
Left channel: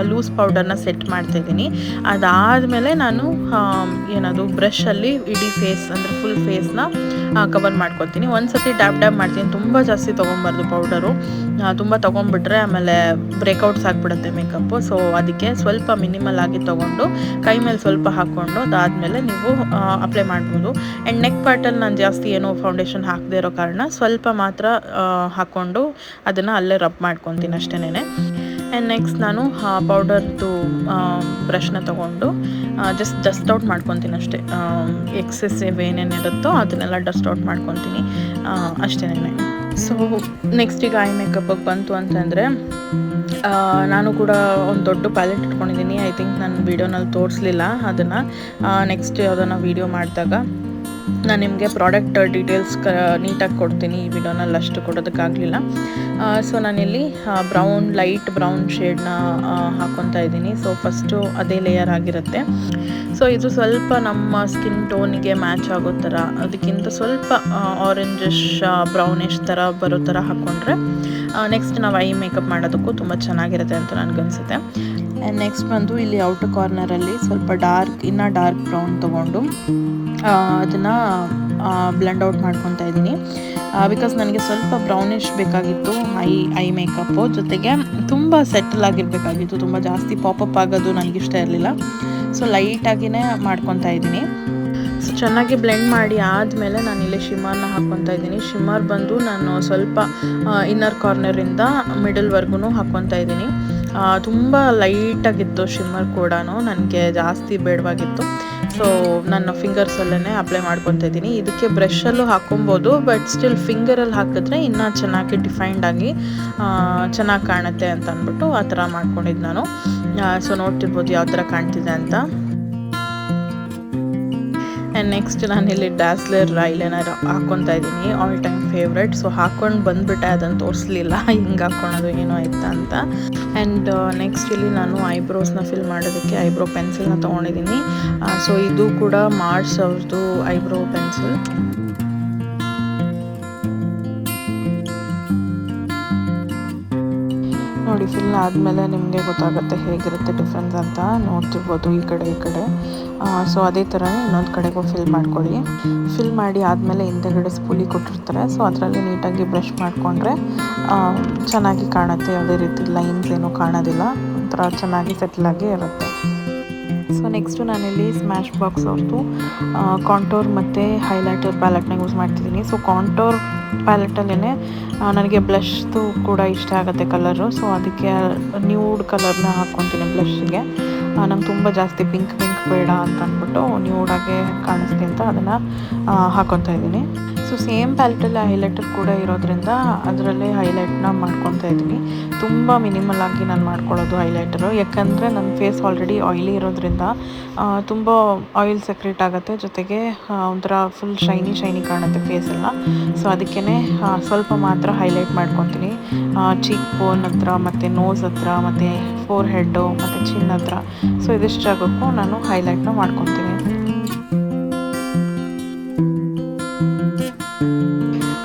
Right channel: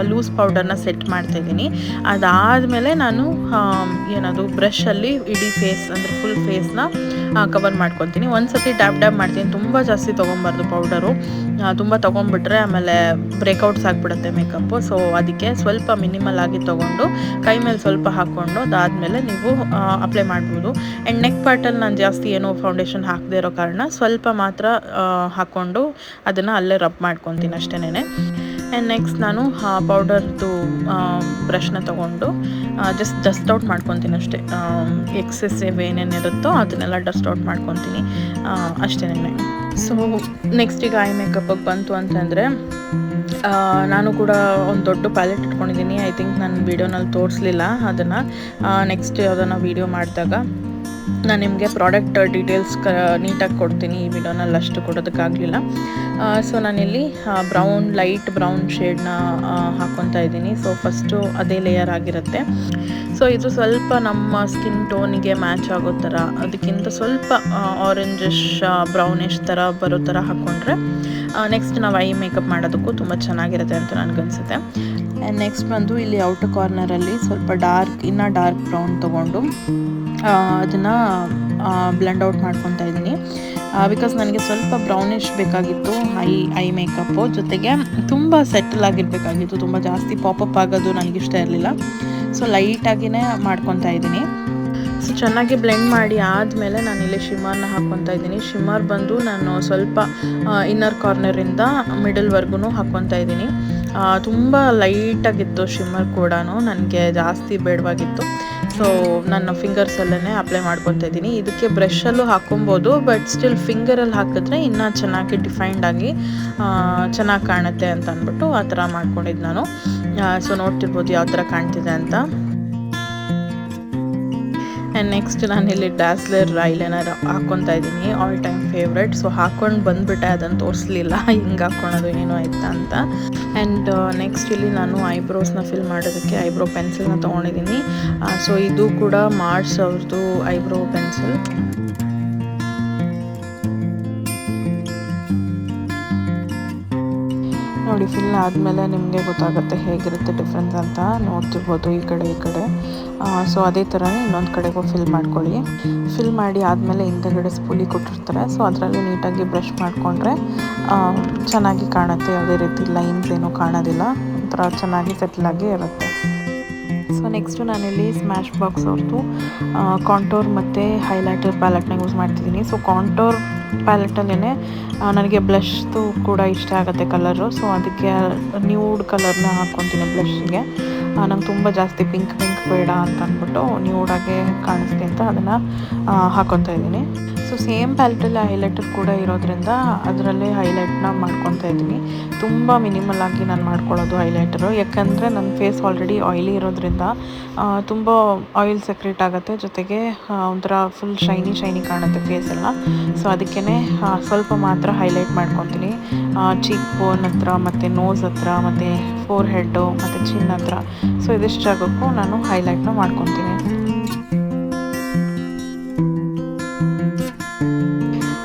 ಲೂಸ್ ಪೌಡರ್ನ ಸೆಟ್ ಮಾಡ್ತಾಯಿದ್ದೀನಿ. ಅದಾದಮೇಲೆ ನಾನು ಏನದು ಬ್ರಷಲ್ಲಿ ಇಡೀ ಫೇಸ್ ಅಂದರೆ ಫುಲ್ ಫೇಸ್ನ ಕವರ್ ಮಾಡ್ಕೊತೀನಿ. ಒಂದು ಸತಿ ಡ್ಯಾಬ್ ಮಾಡ್ತೀನಿ. ತುಂಬ ಜಾಸ್ತಿ ತೊಗೊಬಾರ್ದು ಪೌಡರು, ತುಂಬ ತೊಗೊಂಬಿಟ್ರೆ ಆಮೇಲೆ ಬ್ರೇಕೌಟ್ಸ್ ಆಗಿಬಿಡುತ್ತೆ ಮೇಕಪ್ಪು. ಸೊ ಅದಕ್ಕೆ ಸ್ವಲ್ಪ ಮಿನಿಮಲ್ ಆಗಿ ತೊಗೊಂಡು ಕೈ ಮೇಲೆ ಸ್ವಲ್ಪ ಹಾಕ್ಕೊಂಡು ಅದಾದಮೇಲೆ ನೀವು ಅಪ್ಲೈ ಮಾಡ್ಬೋದು. ಆ್ಯಂಡ್ ನೆಕ್ ಪಾರ್ಟಲ್ಲಿ ನಾನು ಜಾಸ್ತಿ ಏನೋ ಫೌಂಡೇಶನ್ ಹಾಕದೇ ಇರೋ ಕಾರಣ ಸ್ವಲ್ಪ ಮಾತ್ರ ಹಾಕ್ಕೊಂಡು ಅದನ್ನು ಅಲ್ಲೇ ರಬ್ ಮಾಡ್ಕೊತೀನಿ ಅಷ್ಟೇನೆ. ಆ್ಯಂಡ್ ನೆಕ್ಸ್ಟ್ ನಾನು ಪೌಡರ್ದು ಬ್ರಷ್ನ ತೊಗೊಂಡು ಜಸ್ಟ್ ಡಸ್ಟ್ ಔಟ್ ಮಾಡ್ಕೊತೀನಿ ಅಷ್ಟೇ. ಎಕ್ಸೆಸಿವ್ ಏನೇನಿರುತ್ತೋ ಅದನ್ನೆಲ್ಲ ಡಸ್ಟ್ ಔಟ್ ಮಾಡ್ಕೊತೀನಿ ಅಷ್ಟೇನೆ. ಸೊ ನೆಕ್ಸ್ಟ್ ಈಗ ಐ ಮೇಕಪ್ಪಿಗೆ ಬಂತು ಅಂತಂದರೆ ನಾನು ಕೂಡ ಒಂದು ದೊಡ್ಡ ಪ್ಯಾಲೆಟ್ ಇಟ್ಕೊಂಡಿದ್ದೀನಿ. ಐ ಥಿಂಕ್ ನನ್ನ ವೀಡಿಯೋನಲ್ಲಿ ತೋರಿಸಲಿಲ್ಲ ಅದನ್ನು. ನೆಕ್ಸ್ಟ್ ಯಾವುದನ್ನ ವೀಡಿಯೋ ಮಾಡಿದಾಗ ನಾನು ನಿಮಗೆ ಪ್ರಾಡಕ್ಟ್ ಡೀಟೇಲ್ಸ್ ನೀಟಾಗಿ ಕೊಡ್ತೀನಿ. ಈ ವಿಡಿಯೋನಲ್ಲಿ ಅಷ್ಟು ಕೊಡೋದಕ್ಕಾಗಲಿಲ್ಲ. ಸೊ ನಾನಿಲ್ಲಿ ಲೈಟ್ ಬ್ರೌನ್ ಶೇಡ್ನ ಹಾಕ್ಕೊತಾ ಇದ್ದೀನಿ. ಸೊ ಫಸ್ಟು ಅದೇ ಲೇಯರ್ ಆಗಿರುತ್ತೆ. ಸೊ ಇದು ಸ್ವಲ್ಪ ನಮ್ಮ ಸ್ಕಿನ್ ಟೋನಿಗೆ ಮ್ಯಾಚ್ ಆಗೋ ಥರ, ಅದಕ್ಕಿಂತ ಸ್ವಲ್ಪ ಆರೆಂಜಿಶ್ ಬ್ರೌನಿಶ್ ಥರ ಬರೋ ಥರ ಹಾಕ್ಕೊಂಡ್ರೆ ನೆಕ್ಸ್ಟ್ ನಾವು ಐ ಮೇಕಪ್ ಮಾಡೋದಕ್ಕೂ ತುಂಬ ಚೆನ್ನಾಗಿರುತ್ತೆ ಅಂತ ನನಗನ್ಸುತ್ತೆ. ಆ್ಯಂಡ್ ನೆಕ್ಸ್ಟ್ ಬಂದು ಇಲ್ಲಿ ಔಟರ್ ಕಾರ್ನರಲ್ಲಿ ಸ್ವಲ್ಪ ಇನ್ನೂ ಡಾರ್ಕ್ ಬ್ರೌನ್ ತೊಗೊಂಡು ಅದನ್ನು ಬ್ಲೆಂಡ್ ಔಟ್ ಮಾಡ್ಕೊತಾ ಇದ್ದೀನಿ. ಬಿಕಾಸ್ ನನಗೆ ಸ್ವಲ್ಪ ಬ್ರೌನಿಶ್ ಬೇಕಾಗಿತ್ತು ಐ ಮೇಕಪ್ಪು, ಜೊತೆಗೆ ತುಂಬ ಸೆಟಲ್ ಆಗಿರಬೇಕಾಗಿತ್ತು. ತುಂಬ ಜಾಸ್ತಿ ಪಾಪಪ್ ಆಗೋದು ನನಗಿಷ್ಟ ಇರಲಿಲ್ಲ. ಸೊ ಲೈಟಾಗಿಯೇ ಮಾಡ್ಕೊತಾ ಇದ್ದೀನಿ. ಸೊ ಚೆನ್ನಾಗಿ ಬ್ಲೆಂಡ್ ಮಾಡಿ ಆದಮೇಲೆ ನಾನಿಲ್ಲಿ ಶಿಮ್ಮರ್ನ ಹಾಕ್ಕೊತಾ ಇದ್ದೀನಿ. ಶಿಮ್ಮರ್ ಬಂದು ನಾನು ಸ್ವಲ್ಪ ಇನ್ನರ್ ಕಾರ್ನರಿಂದ ಮಿಡಲ್ವರೆಗೂ ಹಾಕ್ಕೊತಾ ಇದ್ದೀನಿ. ತುಂಬ ಲೈಟಾಗಿತ್ತು ಶಿಮ್ಮರ್ ಕೂಡ, ನನಗೆ ಜಾಸ್ತಿ ಬೇಡವಾಗಿತ್ತು. ಸೊ ನನ್ನ ಫಿಂಗರ್ಸಲ್ಲೇ ಅಪ್ಲೈ ಮಾಡ್ಕೊತಾ ಇದ್ದೀನಿ. ಇದಕ್ಕೆ ಬ್ರಷಲ್ಲೂ ಹಾಕ್ಕೊಬೋದು, ಬಟ್ ಸ್ಟಿಲ್ ಫಿಂಗರಲ್ಲಿ ಹಾಕಿದ್ರೆ ಇನ್ನೂ ಚೆನ್ನಾಗಿ ಡಿಫೈನ್ಡಾಗಿ ಚೆನ್ನಾಗಿ ಕಾಣುತ್ತೆ ಅಂತ ಅಂದ್ಬಿಟ್ಟು ಆ ಥರ ಮಾಡ್ಕೊಂಡಿದ್ದು ನಾನು. ಸೊ ನೋಡ್ತಿರ್ಬೋದು ಯಾವ ಥರ ಕಾಣ್ತಿದೆ ಅಂತ. ಆ್ಯಂಡ್ ನೆಕ್ಸ್ಟ್ ನಾನಿಲ್ಲಿ ಡಾಸ್ಲರ್ ಐಲೈನರ್ ಹಾಕ್ಕೊತಾ ಇದ್ದೀನಿ, ಆಲ್ ಟೈಮ್ ಫೇವ್ರೆಟ್. ಸೊ ಹಾಕ್ಕೊಂಡು ಬಂದುಬಿಟ್ಟೆ, ಅದನ್ನು ತೋರಿಸಲಿಲ್ಲ ಹೆಂಗೆ ಹಾಕ್ಕೊಳೋದು ಏನೋ ಆಯ್ತಾ ಅಂತ. ಆ್ಯಂಡ್ ನೆಕ್ಸ್ಟ್ ಇಲ್ಲಿ ನಾನು ಐಬ್ರೋಸ್ನ ಫಿಲ್ ಮಾಡೋದಕ್ಕೆ ಐಬ್ರೋ ಪೆನ್ಸಿಲ್ನ ತೊಗೊಂಡಿದ್ದೀನಿ. ಸೊ ಇದು ಕೂಡ ಮಾರ್ಸ್ ಅವ್ರದ್ದು ಐಬ್ರೋ ಪೆನ್ಸಿಲ್. ನೋಡಿ ಫಿಲ್ ಆದಮೇಲೆ ನಿಮಗೆ ಗೊತ್ತಾಗುತ್ತೆ ಹೇಗಿರುತ್ತೆ ಡಿಫ್ರೆನ್ಸ್ ಅಂತ. ನೋಡ್ತಿರ್ಬೋದು ಈ ಕಡೆ. ಸೊ ಅದೇ ಥರನೇ ಇನ್ನೊಂದು ಕಡೆಗೂ ಫಿಲ್ ಮಾಡ್ಕೊಳ್ಳಿ. ಫಿಲ್ ಮಾಡಿ ಆದಮೇಲೆ ಹಿಂದೆಗಡೆ ಸ್ಪೂಲಿ ಕೊಟ್ಟಿರ್ತಾರೆ. ಸೊ ಅದರಲ್ಲಿ ನೀಟಾಗಿ ಬ್ರಷ್ ಮಾಡಿಕೊಂಡ್ರೆ ಚೆನ್ನಾಗಿ ಕಾಣುತ್ತೆ. ಯಾವುದೇ ರೀತಿ ಲೈನ್ಸ್ ಏನೂ ಕಾಣೋದಿಲ್ಲ, ಒಂಥರ ಚೆನ್ನಾಗಿ ಸೆಟ್ಲಾಗಿ ಇರುತ್ತೆ. ಸೊ ನೆಕ್ಸ್ಟು ನಾನಿಲ್ಲಿ ಸ್ಮ್ಯಾಶ್ ಬಾಕ್ಸ್ ಅವ್ರದ್ದು ಕಾಂಟೋರ್ ಮತ್ತು ಹೈಲೈಟರ್ ಪ್ಯಾಲೆಟ್ನ ಯೂಸ್ ಮಾಡ್ತಿದ್ದೀನಿ. ಸೊ ಕಾಂಟೋರ್ ಪ್ಯಾಲೆಟಲ್ಲೇ ನನಗೆ ಬ್ಲಷ್ದು ಕೂಡ ಇಷ್ಟ ಆಗುತ್ತೆ ಕಲರು. ಸೊ ಅದಕ್ಕೆ ನ್ಯೂಡ್ ಕಲರ್ನ ಹಾಕ್ಕೊತೀನಿ ಬ್ಲಷ್ಗೆ. ನಂಗೆ ತುಂಬ ಜಾಸ್ತಿ ಪಿಂಕ್ ಬೇಡ ಅಂತ ಅಂದ್ಬಿಟ್ಟು ನ್ಯೂಡಾಗೆ ಕಾಣಿಸ್ಲಿ ಅಂತ ಅದನ್ನು ಹಾಕ್ಕೊತಾ ಇದ್ದೀನಿ. ಸೊ ಸೇಮ್ ಪ್ಯಾಲೆಟಲ್ಲಿ ಹೈಲೈಟರ್ ಕೂಡ ಇರೋದ್ರಿಂದ ಅದರಲ್ಲೇ ಹೈಲೈಟ್ನ ಮಾಡ್ಕೊತಾ ಇದ್ದೀನಿ. ತುಂಬ ಮಿನಿಮಲ್ ಆಗಿ ನಾನು ಮಾಡ್ಕೊಳ್ಳೋದು ಹೈಲೈಟರು, ಯಾಕಂದರೆ ನನ್ನ ಫೇಸ್ ಆಲ್ರೆಡಿ ಆಯಿಲಿ ಇರೋದ್ರಿಂದ ತುಂಬ ಆಯಿಲ್ ಸೆಕ್ರೇಟ್ ಆಗುತ್ತೆ, ಜೊತೆಗೆ ಒಂಥರ ಫುಲ್ ಶೈನಿ ಕಾಣುತ್ತೆ ಫೇಸೆಲ್ಲ. ಸೊ ಅದಕ್ಕೇ ಸ್ವಲ್ಪ ಮಾತ್ರ ಹೈಲೈಟ್ ಮಾಡ್ಕೊತೀನಿ. ಚೀಕ್ ಬೋನ್ ಹತ್ರ ಮತ್ತು ನೋಸ್ ಹತ್ರ ಮತ್ತು ಫೋರ್ ಹೆಡ್ಡು ಮತ್ತು ಚಿನ್ ಹತ್ರ. ಸೊ ಇದಿಷ್ಟು ಜಾಗಕ್ಕೂ ನಾನು ಹೈಲೈಟ್ನ ಮಾಡ್ಕೊತೀನಿ.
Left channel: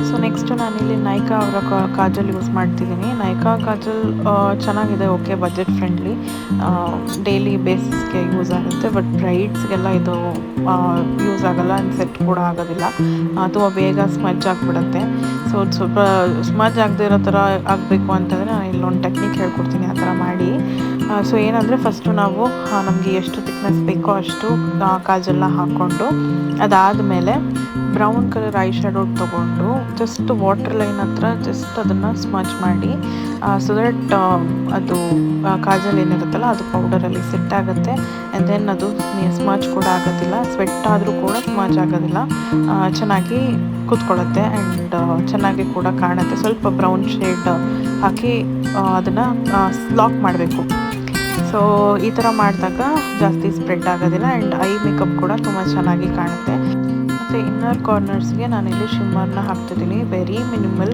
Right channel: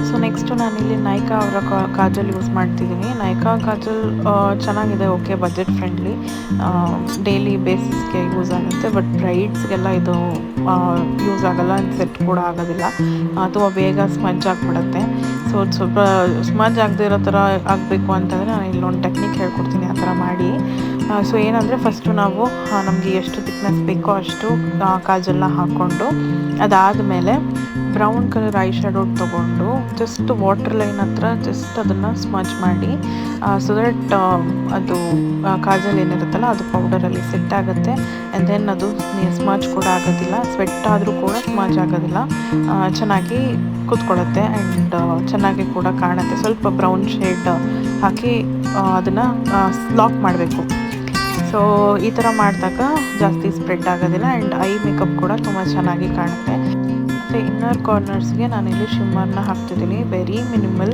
ಸೊ ನೆಕ್ಸ್ಟು ನಾನಿಲ್ಲಿ ನೈಕಾ ಅವರ ಕಾಜಲ್ ಯೂಸ್ ಮಾಡ್ತಿದ್ದೀನಿ. ನೈಕಾ ಕಾಜಲ್ ಚೆನ್ನಾಗಿದೆ, ಓಕೆ, ಬಜೆಟ್ ಫ್ರೆಂಡ್ಲಿ, ಡೈಲಿ ಬೇಸಿಸ್ಗೆ ಯೂಸ್ ಆಗುತ್ತೆ. ಬಟ್ ಬ್ರೈಡ್ಸ್ಗೆಲ್ಲ ಇದು ಯೂಸ್ ಆಗೋಲ್ಲ, ಆ್ಯಂಡ್ ಸೆಟ್ ಕೂಡ ಆಗೋದಿಲ್ಲ, ತುಂಬ ಬೇಗ ಸ್ಮಜ್ ಆಗಿಬಿಡುತ್ತೆ. ಸೊ ಸ್ವಲ್ಪ ಸ್ಮಜ್ ಆಗದೆ ಇರೋ ಥರ ಆಗಬೇಕು ಅಂತಂದರೆ ನಾನು ಇಲ್ಲೊಂದು ಟೆಕ್ನಿಕ್ ಹೇಳ್ಕೊಡ್ತೀನಿ, ಆ ಥರ ಮಾಡಿ. ಸೊ ಏನಂದರೆ ಫಸ್ಟು ನಾವು ನಮಗೆ ಎಷ್ಟು ತಿಕ್ನೆಸ್ ಬೇಕೋ ಅಷ್ಟು ಕಾಜಲ್ನ ಹಾಕ್ಕೊಂಡು ಅದಾದಮೇಲೆ ಬ್ರೌನ್ ಕಲರ್ ಐ ಶ್ಯಾಡೋ ತೊಗೊಂಡು ಜಸ್ಟ್ ವಾಟರ್ ಲೈನ್ ಹತ್ರ ಜಸ್ಟ್ ಅದನ್ನು ಸ್ಮಜ್ ಮಾಡಿ ಸೊ ದಟ್ ಅದು ಕಾಜಲ್ ಏನಿರುತ್ತಲ್ಲ ಅದು ಪೌಡರಲ್ಲಿ ಸೆಟ್ ಆಗುತ್ತೆ. ಆ್ಯಂಡ್ ದೆನ್ ಅದು ಸ್ಮಜ್ ಕೂಡ ಆಗೋದಿಲ್ಲ, ಸ್ವೆಟ್ ಆದರೂ ಕೂಡ ಸ್ಮಜ್ ಆಗೋದಿಲ್ಲ, ಚೆನ್ನಾಗಿ ಕೂತ್ಕೊಳ್ಳುತ್ತೆ ಆ್ಯಂಡ್ ಚೆನ್ನಾಗಿ ಕೂಡ ಕಾಣುತ್ತೆ. ಸ್ವಲ್ಪ ಬ್ರೌನ್ ಶೇಡ್ ಹಾಕಿ ಅದನ್ನು ಲಾಕ್ ಮಾಡಬೇಕು. ಸೊ ಈ ಥರ ಮಾಡಿದಾಗ ಜಾಸ್ತಿ ಸ್ಪ್ರೆಡ್ ಆಗೋದಿಲ್ಲ ಆ್ಯಂಡ್ ಐ ಮೇಕಪ್ ಕೂಡ ತುಂಬ ಚೆನ್ನಾಗಿ ಕಾಣುತ್ತೆ. ಮತ್ತು ಇನ್ನರ್ ಕಾರ್ನರ್ಸ್ಗೆ ನಾನಿಲ್ಲಿ ಶಿಮ್ಮರ್ನ ಹಾಕ್ತಿದ್ದೀನಿ, ವೆರಿ ಮಿನಿಮಲ್,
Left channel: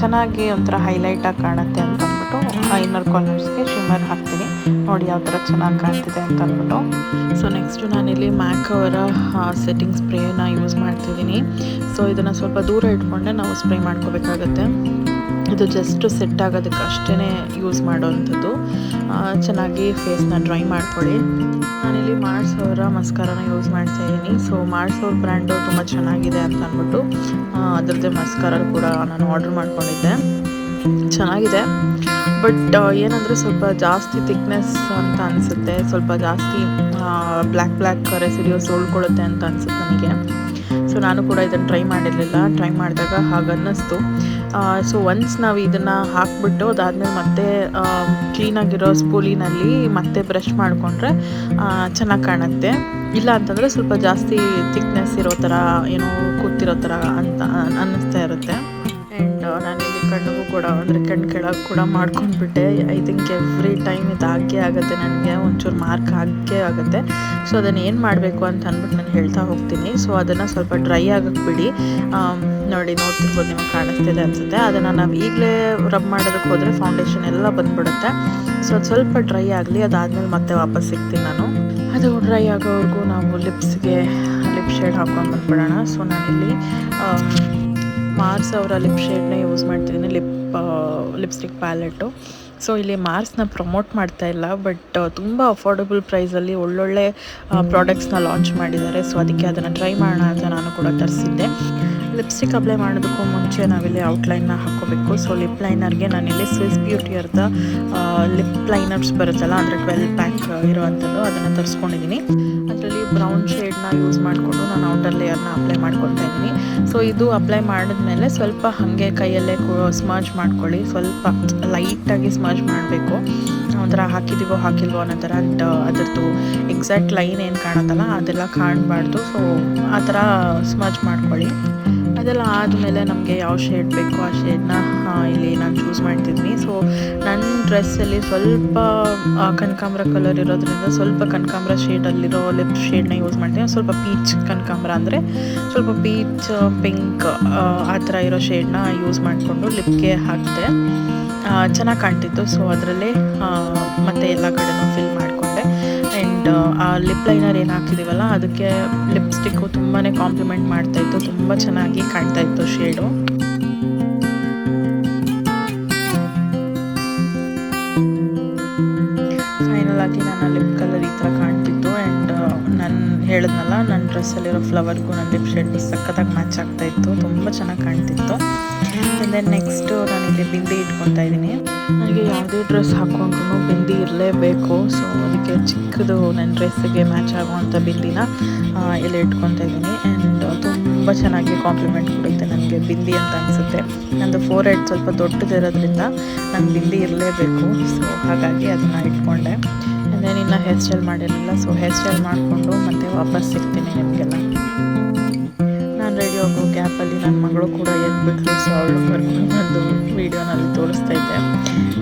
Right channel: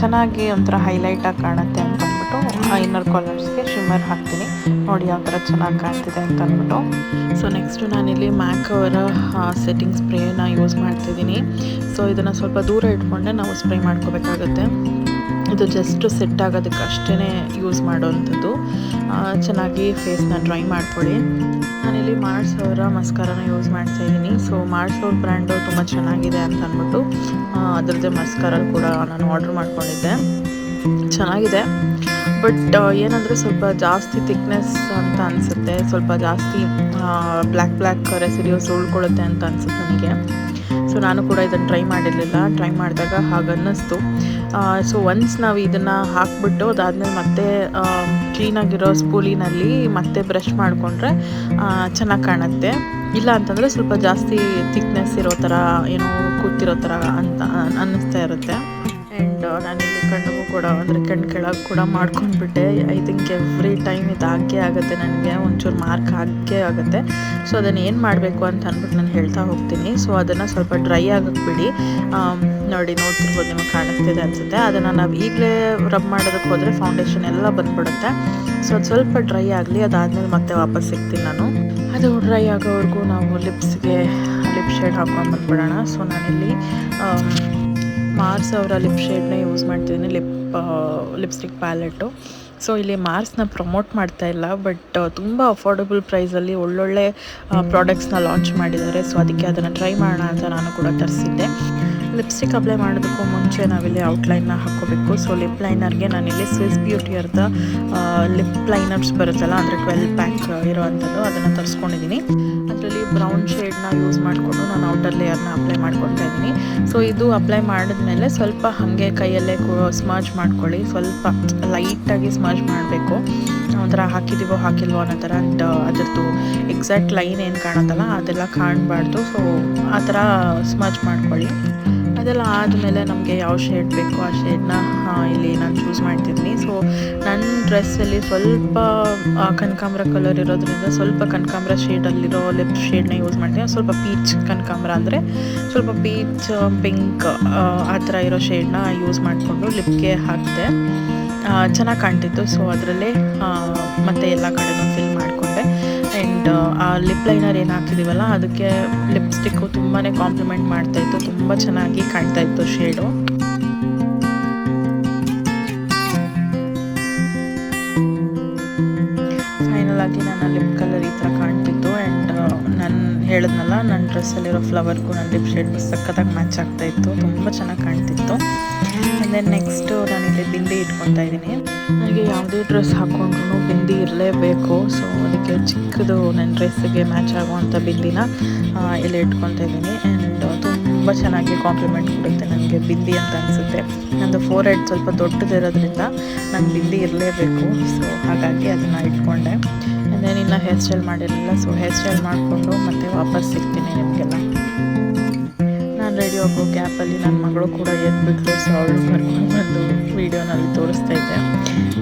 ಚೆನ್ನಾಗಿ ಒಂಥರ ಹೈಲೈಟಾಗಿ ಕಾಣುತ್ತೆ ಅಂತ ಅಂದ್ಬಿಟ್ಟು ಇನ್ನರ್ ಕಾರ್ನರ್ಸ್ಗೆ ಶಿಮ್ಮರ್ ಹಾಕ್ತೀನಿ. ನೋಡಿ ಯಾವ ಥರ ಚೆನ್ನಾಗಿ ಕಾಣ್ತಿದೆ ಅಂತ ಅಂದ್ಬಿಟ್ಟು. ಸೊ ನೆಕ್ಸ್ಟು ನಾನಿಲ್ಲಿ ಮ್ಯಾಕ್ ಅವರ ಸೆಟ್ಟಿಂಗ್ ಸ್ಪ್ರೇನ ಯೂಸ್ ಮಾಡ್ತಿದ್ದೀನಿ. ಸೊ ಇದನ್ನು ಸ್ವಲ್ಪ ದೂರ ಇಟ್ಕೊಂಡೆ ನಾವು ಸ್ಪ್ರೇ ಮಾಡ್ಕೋಬೇಕಾಗತ್ತೆ. ಇದು ಜಸ್ಟ್ ಸೆಟ್ ಆಗೋದಕ್ಕೆ ಅಷ್ಟೇ ಯೂಸ್ ಮಾಡೋವಂಥದ್ದು. ಚೆನ್ನಾಗಿ ಫೇಸ್ನ ಡ್ರೈ ಮಾಡ್ಕೊಳ್ಳಿ. ನಾನಿಲ್ಲಿ ಮಾರ್ಸ್ ಅವರ ಮಸ್ಕಾರನ ಯೂಸ್ ಮಾಡ್ತಾಯಿದ್ದೀನಿ. ಸೊ ಮಾರ್ಸ್ ಅವ್ರ ಬ್ರ್ಯಾಂಡು ತುಂಬ ಚೆನ್ನಾಗಿದೆ ಅಂತ ಅಂದ್ಬಿಟ್ಟು ಅದರದ್ದೇ ಮಸ್ಕಾರ ಕೂಡ ನಾನು ಆರ್ಡ್ರ್ ಮಾಡ್ಕೊಂಡಿದ್ದೆ. ಚೆನ್ನಾಗಿದೆ, ಬಟ್ ಏನಂದರೆ ಸ್ವಲ್ಪ ಜಾಸ್ತಿ ಥಿಕ್ನೆಸ್ ಅಂತ ಅನಿಸುತ್ತೆ, ಸ್ವಲ್ಪ ಜಾಸ್ತಿ ಬ್ಲ್ಯಾಕ್ ರೆಸಿಡ್ಯೂಸ್ ಉಳ್ಕೊಳ್ಳುತ್ತೆ ಅಂತ ಅನಿಸುತ್ತೆ ನನಗೆ. ಸೊ ನಾನು ಕೂಡ ಇದನ್ನು ಟ್ರೈ ಮಾಡಿರಲಿಲ್ಲ, ಟ್ರೈ ಮಾಡಿದಾಗ ಹಾಗೆ ಅನ್ನಿಸ್ತು. ಸೊ ಒನ್ಸ್ ನಾವು ಇದನ್ನು ಹಾಕಿಬಿಟ್ಟು ಅದಾದಮೇಲೆ ಮತ್ತೆ ಕ್ಲೀನಾಗಿರೋ ಸ್ಪೂಲಿನಲ್ಲಿ ಮತ್ತೆ ಬ್ರಷ್ ಮಾಡಿಕೊಂಡ್ರೆ ಚೆನ್ನಾಗಿ ಕಾಣುತ್ತೆ. ಇಲ್ಲ ಅಂತಂದರೆ ಸ್ವಲ್ಪ ಜಾಸ್ತಿ ಥಿಕ್ನೆಸ್ ಇರೋ ಥರ ಏನೋ ಕೂತಿರೋ ಥರ ಅಂತ ಅನ್ನಿಸ್ತಾ ಇರುತ್ತೆ. ಆ್ಯಂಡ್ ನಾನಿಲ್ಲಿ ಕಣ್ಣಿಗೂ ಕೂಡ ಅಂದರೆ ಕಣ್ಣು ಕೆಳಗೆ ಕೂಡ ಮಾಡ್ಕೊಂಡ್ಬಿಟ್ಟೆ. ಐ ಥಿಂಕ್ ಎವ್ರಿ ಟೈಮ್ ಇದಾಗೇ ಆಗುತ್ತೆ ನನಗೆ, ಒಂಚೂರು ಮಾರ್ಕ್ ಆಗೇ ಆಗುತ್ತೆ. ಸೊ ಅದನ್ನು ಏನು ಮಾಡಬೇಕು ಅಂತ ಅಂದ್ಬಿಟ್ಟು ನಾನು ಹೇಳ್ತಾ ಹೋಗ್ತೀನಿ. ಸೊ ಅದನ್ನು ಸ್ವಲ್ಪ ಡ್ರೈ ಆಗಕ್ಕೆ ಬಿಡಿ. ನೋಡ್ತಿರ್ಬೋದು, ನಿಮಗೆ ಕಾಣಿಸ್ತಿದೆ ಅನಿಸುತ್ತೆ. ಅದನ್ನು ನಾವು ಈಗಲೇ ರಬ್ ಮಾಡೋದಕ್ಕೆ ಹೋದರೆ ಫೌಂಡೇಶನ್ ಎಲ್ಲ ಬಂದುಬಿಡುತ್ತೆ. ಸೊ ಅದು ಸ್ವಲ್ಪ ಡ್ರೈ ಆಗಲಿ, ಅದಾದಮೇಲೆ ಮತ್ತೆ ವಾಪಸ್ ಸಿಗ್ತೀನಿ ನಾನು. ಅದು ಡ್ರೈ ಆಗೋವರೆಗೂ ನಾವು ಲಿಪ್ ಶೇಡ್ ಹಾಕ್ಕೊಂಡು ಬಂದುಬಿಡೋಣ. ಸೊ ನಾನಿಲ್ಲಿ ಮಾರ್ಸ್ ಅವರ ಲಿಪ್ ಶೇಡ್ನೇ ಯೂಸ್ ಮಾಡ್ತಿದ್ದೀನಿ, ಲಿಪ್ಸ್ಟಿಕ್ ಪ್ಯಾಲೆಟು. ಸೊ ಇಲ್ಲಿ ಮಾರ್ಸ್ನ ಪ್ರಮೋಟ್ ಮಾಡ್ತಾ ಇಲ್ಲ, ಬಟ್ ತುಂಬ ಅಫೋರ್ಡಬಲ್ ಪ್ರೈಸಲ್ಲಿ ಒಳ್ಳೊಳ್ಳೆ ಪ್ರಾಡಕ್ಟ್ಸ್ನ ಲಾಂಚ್ ಮಾಡಿದ್ದಾರೆ. ಸೊ ಅದಕ್ಕೆ ಅದನ್ನು ಟ್ರೈ ಮಾಡೋಣ ಅಂತ ನಾನು ಕೂಡ ತರಿಸಿದ್ದೆ. ಲಿಪ್ಸ್ಟಿಕ್ ಅಪ್ಲೈ ಮಾಡೋದಕ್ಕೂ ಮುಂಚೆ ನಾವಿಲ್ಲಿ ಔಟ್ಲೈನ್ನ ಹಾಕ್ಕೋಬೇಕು. ಸೊ ಲಿಪ್ ಲೈನರ್ಗೆ ನಾನಿಲ್ಲಿ ಸ್ವಿಸ್ ಬ್ಯೂಟಿಯರ್ದ ಲಿಪ್ ಲೈನರ್ಸ್ ಬರುತ್ತಲ್ಲ, ಅಂದರೆ 12 ಪ್ಯಾಕ್ ಇರೋವಂಥದ್ದು, ಅದನ್ನು ತರಿಸ್ಕೊಂಡಿದ್ದೀನಿ. ಅದರಲ್ಲಿ ಬ್ರೌನ್ ಶೇಡ್ನ ಯೂಸ್ ಮಾಡಿಕೊಂಡು ನಾನು ಔಟರ್ ಲೇಯರ್ನ ಅಪ್ಲೈ ಮಾಡ್ಕೊತಾ ಇದ್ದೀನಿ. ಸೊ ಇದು ಅಪ್ಲೈ ಮಾಡಿದ್ಮೇಲೆ ಸ್ವಲ್ಪ ಹಾಗೆ ಕೈಯಲ್ಲೇ ಸ್ಮರ್ಜ್ ಮಾಡ್ಕೊಳ್ಳಿ, ಸ್ವಲ್ಪ ಲೈಟಾಗಿ ಸ್ಮರ್ಜ್ ಮಾಡಬೇಕು. ಒಂಥರ ಹಾಕಿದ್ದೀವೋ ಹಾಕಿಲ್ವೋ ಅನ್ನೋ ಥರ. ಆ್ಯಂಡ್ ಅದರದ್ದು ಎಕ್ಸಾಕ್ಟ್ ಲೈನ್ ಏನು ಕಾಣುತ್ತಲ್ಲ ಅದೆಲ್ಲ ಕಾಣಬಾರ್ದು. ಸೊ ಆ ಥರ ಸ್ಮರ್ಜ್ ಮಾಡ್ಕೊಳ್ಳಿ. ಅದೆಲ್ಲ ಆದಮೇಲೆ ನಮಗೆ ಯಾವ ಶೇಡ್ ಬೇಕೋ ಆ ಶೇಡ್ನ ಇಲ್ಲಿ ನಾನು ಚೂಸ್ ಮಾಡ್ತಿದ್ದೀನಿ. ಸೊ ನನ್ನ ಡ್ರೆಸ್ಸಲ್ಲಿ ಸ್ವಲ್ಪ ಕನಕಾಂಬ್ರ ಕಲರ್ ಇರೋದ್ರಿಂದ ಸ್ವಲ್ಪ ಕನಕಾಂಬ್ರ ಶೇಡಲ್ಲಿರೋ ಲಿಪ್ ಶೇಡ್ನ ಯೂಸ್ ಮಾಡ್ತೀನಿ. ಸ್ವಲ್ಪ ಪೀಚ್ ಕನಕಾಂಬ್ರ ಅಂದರೆ ಸ್ವಲ್ಪ ಪೀಚ್ ಪಿಂಕ್ ಆ ಥರ ಇರೋ ಶೇಡ್ನ ಯೂಸ್ ಮಾಡಿಕೊಂಡು ಲಿಪ್ಗೆ ಹಾಕಿದೆ. ಚೆನ್ನಾಗಿ ಕಾಣ್ತಿತ್ತು. ಸೊ ಅದರಲ್ಲೇ ಮತ್ತು ಎಲ್ಲ ಕಡೆನೂ ಫಿಲ್ ಮಾಡಿಕೊಂಡೆ. ಆ್ಯಂಡ್ ಆ ಲಿಪ್ ಲೈನರ್ ಏನು ಹಾಕಿದ್ದೀವಲ್ಲ ಅದಕ್ಕೆ ಲಿಪ್ಸ್ಟಿಕ್ಕು ತುಂಬಾ ಕಾಂಪ್ಲಿಮೆಂಟ್ ಮಾಡ್ತಾಯಿತ್ತು, ತುಂಬ ಚೆನ್ನಾಗಿ ಕಾಣ್ತಾಯಿತ್ತು ಶೇಡು. ಫೈನಲ್ ಆಗಿ ನನ್ನ ಲಿಪ್ ಕಲರ್ ಈ ಥರ ಕಾಣ್ತಿತ್ತು. ಆ್ಯಂಡ್ ನಾನು ಹೇಳಿದ್ನಲ್ಲ, ನನ್ನ ಡ್ರೆಸ್ಸಲ್ಲಿರೋ ಫ್ಲವರ್ಗೂ ನನ್ನ ಲಿಪ್ ಶೇಡ್ಗೂ ಸಖತ್ತಾಗಿ ಮ್ಯಾಚ್ ಆಗ್ತಾಯಿತ್ತು, ತುಂಬ ಚೆನ್ನಾಗಿ ಕಾಣ್ತಿತ್ತು. ಆ್ಯಂಡ್ ದೆನ್ ನೆಕ್ಸ್ಟು ನಾನಿಲ್ಲಿ ಬಿಂದಿ ಇಟ್ಕೊತಾ ಇದ್ದೀನಿ. ನನಗೆ ಯಾವುದೇ ಡ್ರೆಸ್ ಹಾಕ್ಕೊಂಡ್ರೂ ಬಿಂದಿ ಇರಲೇಬೇಕು. ಸೊ ಅದಕ್ಕೆ ಚಿಕ್ಕದು ನನ್ನ ಡ್ರೆಸ್ಸಿಗೆ ಮ್ಯಾಚ್ ಆಗುವಂಥ ಬಿಂದಿನ ಇಲ್ಲಿ ಇಟ್ಕೊತಾ ಇದ್ದೀನಿ. ಆ್ಯಂಡ್ ತುಂಬ ಚೆನ್ನಾಗಿ ಕಾಂಪ್ಲಿಮೆಂಟ್ ಕೊಡುತ್ತೆ ನನಗೆ ಬಿಂದಿ ಅಂತ ಅನಿಸುತ್ತೆ. ನಂದು ಫೋರ್ ಹೆಡ್ ಸ್ವಲ್ಪ ದೊಡ್ಡದಿರೋದ್ರಿಂದ ನಂಗೆ ಬಿಂದಿ ಇರಲೇಬೇಕು. ಸೊ ಹಾಗಾಗಿ ಅದನ್ನು ಇಟ್ಕೊಂಡೆ. ಆ್ಯಂಡ್ ದೆನ್ ಇನ್ನೂ ಹೇರ್ ಸ್ಟೈಲ್ ಮಾಡಿರಲಿಲ್ಲ. ಸೊ ಹೇರ್ ಸ್ಟೈಲ್ ಮಾಡಿಕೊಂಡು ಮತ್ತೆ ವಾಪಸ್ ಸಿಗ್ತೀನಿ ನಿಮಗೆಲ್ಲ. ನಾನು ರೆಡಿ ಆಗೋ ಗ್ಯಾಪಲ್ಲಿ ನನ್ನ ಮಗಳು ಕೂಡ ಎದ್ಬಿಟ್ಲು. ಸೊ ಅವಳು ಕರ್ಕೊಂಡು ಬಂದು ವೀಡಿಯೋನಲ್ಲಿ ತೋರಿಸ್ತಾ ಇದ್ದೆ.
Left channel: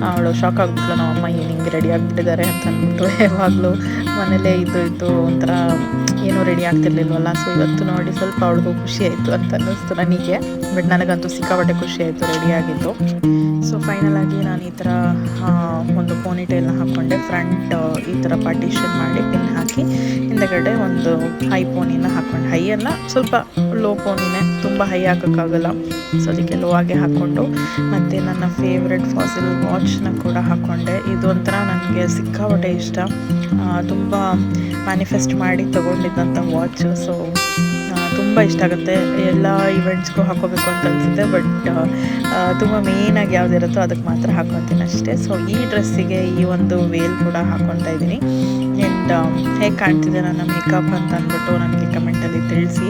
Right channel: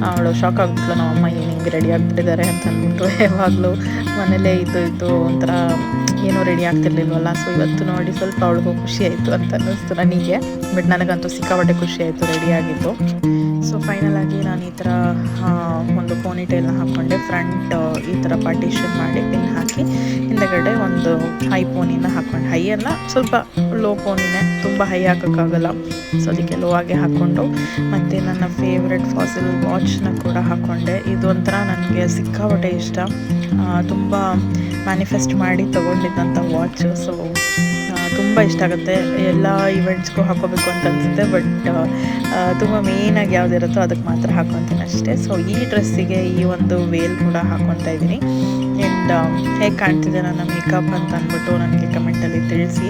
ಅವಳು ಶಾಕ್ ಆಗಿಬಿಟ್ಲು, ನಮ್ಮಮ್ಮ ಏನು ಹಿಂಗೆ ರೆಡಿ ಆಗಿಬಿಟ್ಟಿದ್ದಾರೆ ಅಂತ ಅಂದ್ಬಿಟ್ಟು. ಯಾವಾಗಲೂ ಮನೇಲೇ ಇದ್ದು ಒಂಥರ ಏನೂ ರೆಡಿ ಆಗ್ತಿರ್ಲಿಲ್ವಲ್ಲ. ಸೊ ಇವತ್ತು ನೋಡಿ ಸ್ವಲ್ಪ ಅವಳಿಗೂ ಖುಷಿ ಆಯಿತು ಅಂತ ಅನ್ನಿಸ್ತು ನನಗೆ. ಬಟ್ ನನಗಂತೂ ಸಿಕ್ಕಾಪಟ್ಟೆ ಖುಷಿ ಆಯಿತು ರೆಡಿಯಾಗಿದ್ದು. ಸೊ ಫೈನಲಾಗಿ ನಾನು ಈ ಥರ ಒಂದು ಪೋನಿಟೇಲ್ನ ಹಾಕ್ಕೊಂಡೆ. ಫ್ರಂಟ್ ಈ ಥರ ಪಾರ್ಟಿಷನ್ ಮಾಡಿ ಪಿನ್ ಹಾಕಿ ಹಿಂದಗಡೆ ಒಂದು ಹೈ ಪೋನಿನ ಹಾಕ್ಕೊಂಡು, ಹೈ ಅಲ್ಲ ಸ್ವಲ್ಪ ಲೋ ಪೋನಿನೇ, ತುಂಬ ಹೈ ಹಾಕೋಕ್ಕಾಗಲ್ಲ. ಸೊ ಅದಕ್ಕೆ ಲೋ ಆಗಿ ಹಾಕ್ಕೊಂಡು ಮತ್ತು ನನ್ನ ಫೇವ್ರೆಟ್ ಫಾಸಿಲ್ ವಾಚ್ನ ಕೂಡ ಹಾಕ್ಕೊಂಡೆ. ಇದು ಒಂಥರ ನನಗೆ ಸಿಕ್ಕಾಪಟ್ಟೆ ಇಷ್ಟ, ತುಂಬ ಮ್ಯಾನಿಫೆಸ್ಟ್ ಮಾಡಿ ತೊಗೊಂಡಿದ್ದಂಥ ವಾಚು. ಸೊ ತುಂಬ ಇಷ್ಟ ಆಗುತ್ತೆ. ಎಲ್ಲ ಇವೆಂಟ್ಸ್ಗೂ ಹಾಕ್ಕೋಬೇಕು ಅಂತ ಅನಿಸುತ್ತೆ, ಬಟ್ ತುಂಬ ಮೇಯ್ನಾಗಿ ಯಾವುದಿರುತ್ತೋ ಅದಕ್ಕೆ ಮಾತ್ರ ಹಾಕ್ಕೊತೀನಿ ಅಷ್ಟೇ. ಸೊ ಈ ಡ್ರೆಸ್ಸಿಗೆ ಈ ಒಂದು ವೇಲ್ ಕೂಡ ಹಾಕ್ಕೊತಾ ಇದ್ದೀನಿ. ಆ್ಯಂಡ್ ಹೇಗೆ ಕಾಣ್ತಿದೆ ನನ್ನ ಮೇಕಪ್ ಅಂತ ಅಂದ್ಬಿಟ್ಟು ನನಗೆ ಕಮೆಂಟಲ್ಲಿ ತಿಳಿಸಿ.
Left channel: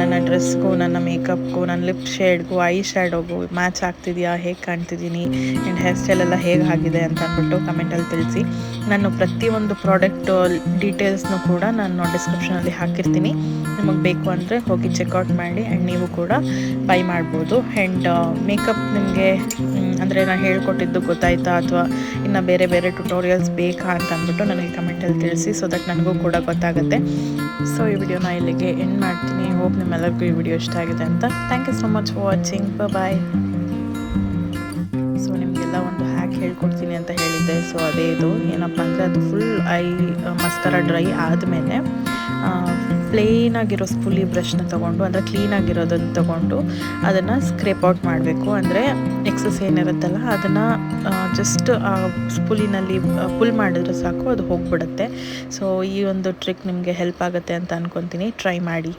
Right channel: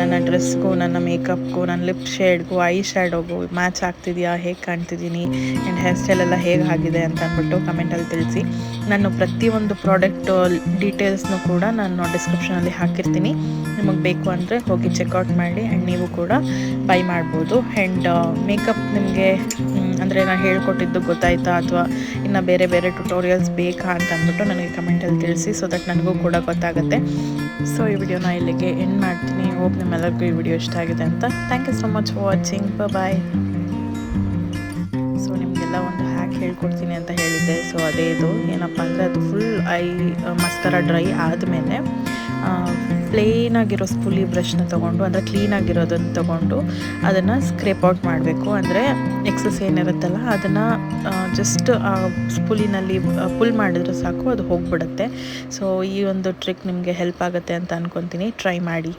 ನನ್ನ ಡ್ರೆಸ್ಗೂ, ನನ್ನ ಮೇಕಪ್ಗೂ, ನನ್ನ ಲಿಪ್ ಶೇಡ್ಗೂ, ಐ ಶ್ಯಾಡೋಗೂ ಮ್ಯಾಚ್ ಆಗ್ತಿದೆಯಾ, ಹೇಗೆ ಕಾಣ್ತಿದ್ದೀನಿ, ಆ್ಯಂಡ್ ಹೇರ್ ಸ್ಟೈಲೆಲ್ಲ ಹೇಗೆ ಆಗಿದೆ ಅಂತ ಅಂದ್ಬಿಟ್ಟು ಕಮೆಂಟಲ್ಲಿ ತಿಳಿಸಿ. ನಾನು ಪ್ರತಿಯೊಂದು ಪ್ರಾಡಕ್ಟ್ ಡೀಟೇಲ್ಸ್ನೂ ಕೂಡ ನಾನು ಡಿಸ್ಕ್ರಿಪ್ಷನಲ್ಲಿ ಹಾಕಿರ್ತೀನಿ. ನಿಮಗೆ ಬೇಕು ಅಂದರೆ ಹೋಗಿ ಚೆಕ್ಔಟ್ ಮಾಡಿ ಆ್ಯಂಡ್ ನೀವು ಕೂಡ ಬೈ ಮಾಡ್ಬೋದು. ಆ್ಯಂಡ್ ಮೇಕಪ್ ನಿಮಗೆ ಅಂದರೆ ನಾನು ಹೇಳ್ಕೊಟ್ಟಿದ್ದು ಗೊತ್ತಾಯ್ತಾ, ಅಥವಾ ಇನ್ನು ಬೇರೆ ಬೇರೆ ಟ್ಯುಟೋರಿಯಲ್ಸ್ ಬೇಕಾ ಅಂತ ಅಂದ್ಬಿಟ್ಟು ನನಗೆ ಕಮೆಂಟಲ್ಲಿ ತಿಳಿಸಿ, ಸೊ ದಟ್ ನನಗೂ ಕೂಡ ಗೊತ್ತಾಗುತ್ತೆ. ಸೊ ಈ ವಿಡಿಯೋನ ಇಲ್ಲಿಗೆ ಎಂಡ್ ಮಾಡ್ತೀನಿ. ಹೋಪ್ ನಿಮ್ಮೆಲ್ಲರಿಗೂ ಈ ವಿಡಿಯೋ ಇಷ್ಟ ಆಗಿದೆ ಅಂತ. Thank you so much for watching. Bye. So ನಿಮಗೆಲ್ಲ ಒಂದು ಹ್ಯಾಕ್ ಹೇಳ್ಕೊಡ್ತೀನಿ ಅಂತ ಹೇಳಿದ್ದೆ. ಸೊ ಅದೇ ಇದು ಏನಪ್ಪ ಅಂದರೆ, ಅದು ಫುಲ್ ಮಸ್ಕರ ಡ್ರೈ ಆದಮೇಲೆ ಪ್ಲೇನಾಗಿರೋ ಸ್ಪೂಲಿ ಬ್ರಷ್ನ ತೊಗೊಂಡು, ಅಂದರೆ ಕ್ಲೀನಾಗಿರೋದನ್ನು ತೊಗೊಂಡು ಅದನ್ನು ಸ್ಕ್ರೇಪ್ ಔಟ್ ಮಾಡಬೇಕು. ಅಂದರೆ ಎಕ್ಸಸ್ ಏನಿರುತ್ತಲ್ಲ ಅದನ್ನು ಜಸ್ಟ್ ಸ್ಪೂಲಿನಲ್ಲಿ ಪುಲ್ ಮಾಡಿದ್ರೆ ಸಾಕು, ಅದು ಹೋಗಿಬಿಡುತ್ತೆ. ಸೊ ಈ ಒಂದು ಟ್ರಿಕ್ ನಿಮಗೆ ಹೆಲ್ಪ್ ಆಗುತ್ತೆ ಅಂತ ಅಂದ್ಕೊತೀನಿ. ಟ್ರೈ ಮಾಡಿ.